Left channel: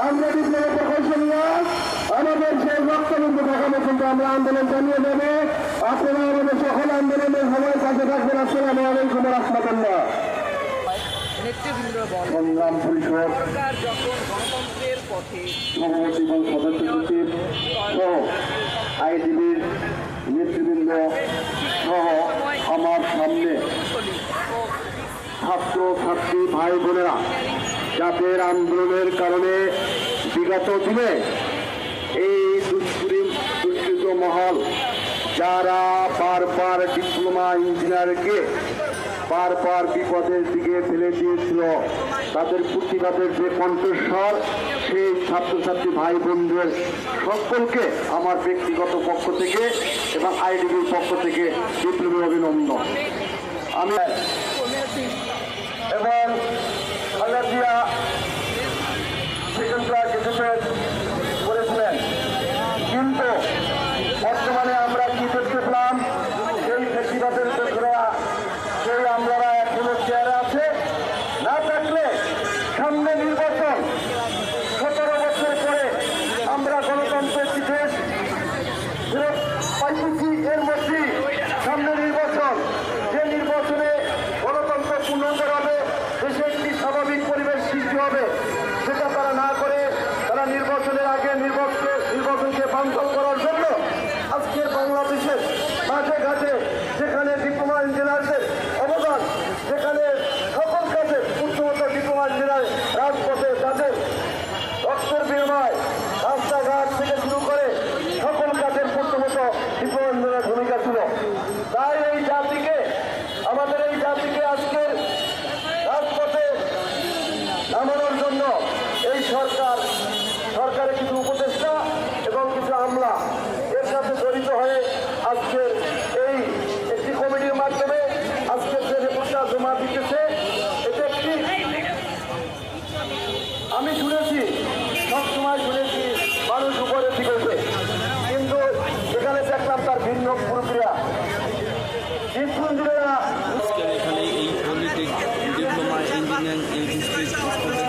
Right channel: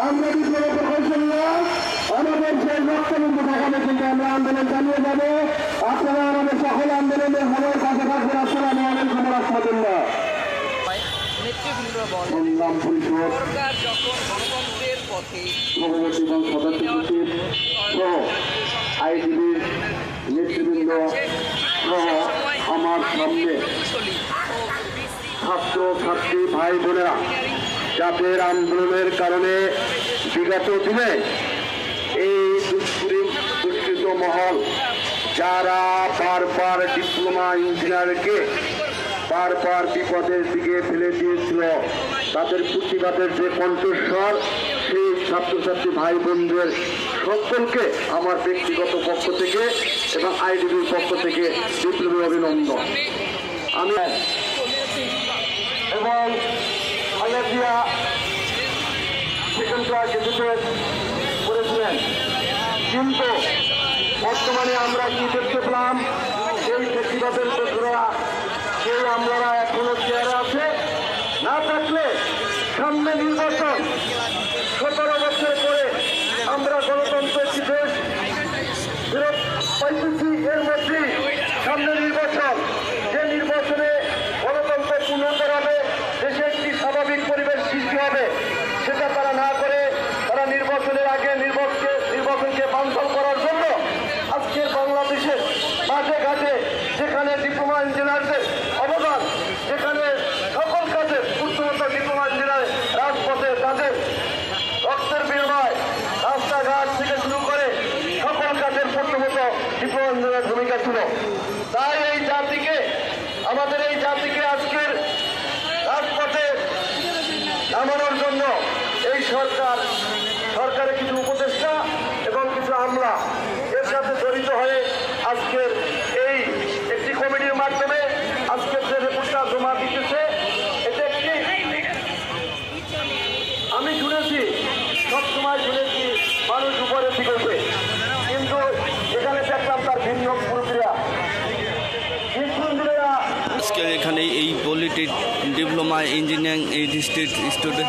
আমরা বিপ্লব প্রকৌশলীরা আমাদের সেই বক্তব্য দেখাবে কিন্তু আমরা আন্দোলন চালিয়ে যাবে আপনারা আমাদের সকল আন্দোলনের সময় কাছে থাকবেন আসসালামু আলাইকুম রহমতুল্লাহ সংগ্রাম পরিষদ সদস্য সচিব সহ নেতৃবৃন্দ সহ আমার সামনে ছাত্র ছাত্রী ভাই বোনেরা জাতের আন্দোলনের কারণে বিগত দিনে এই দুষ্কৃত মহল যারা বারবার ডিপ্লোমা ইঞ্জিনিয়ারকে বারবার বিপদের দিকে ফেলে দিয়েছিল। তাদের প্রতিবাদের যে কণ্ঠস্বর, সেই ছাত্রছাত্রী ভাই বোনদের সকলকে আমার ব্যক্তিগত পক্ষ থেকে এবং আইডিবির পক্ষ থেকে বিপ্লবী অভিনন্দন। আমি এবং সামনে নামানোর জন্য এই সরকার, সরকারের কিছু উপদেষ্টা এবং কিছু আমলা এর সাথে জড়িত হয়ে আজকের এই ডিস্ট্রিক্ট স্টোরে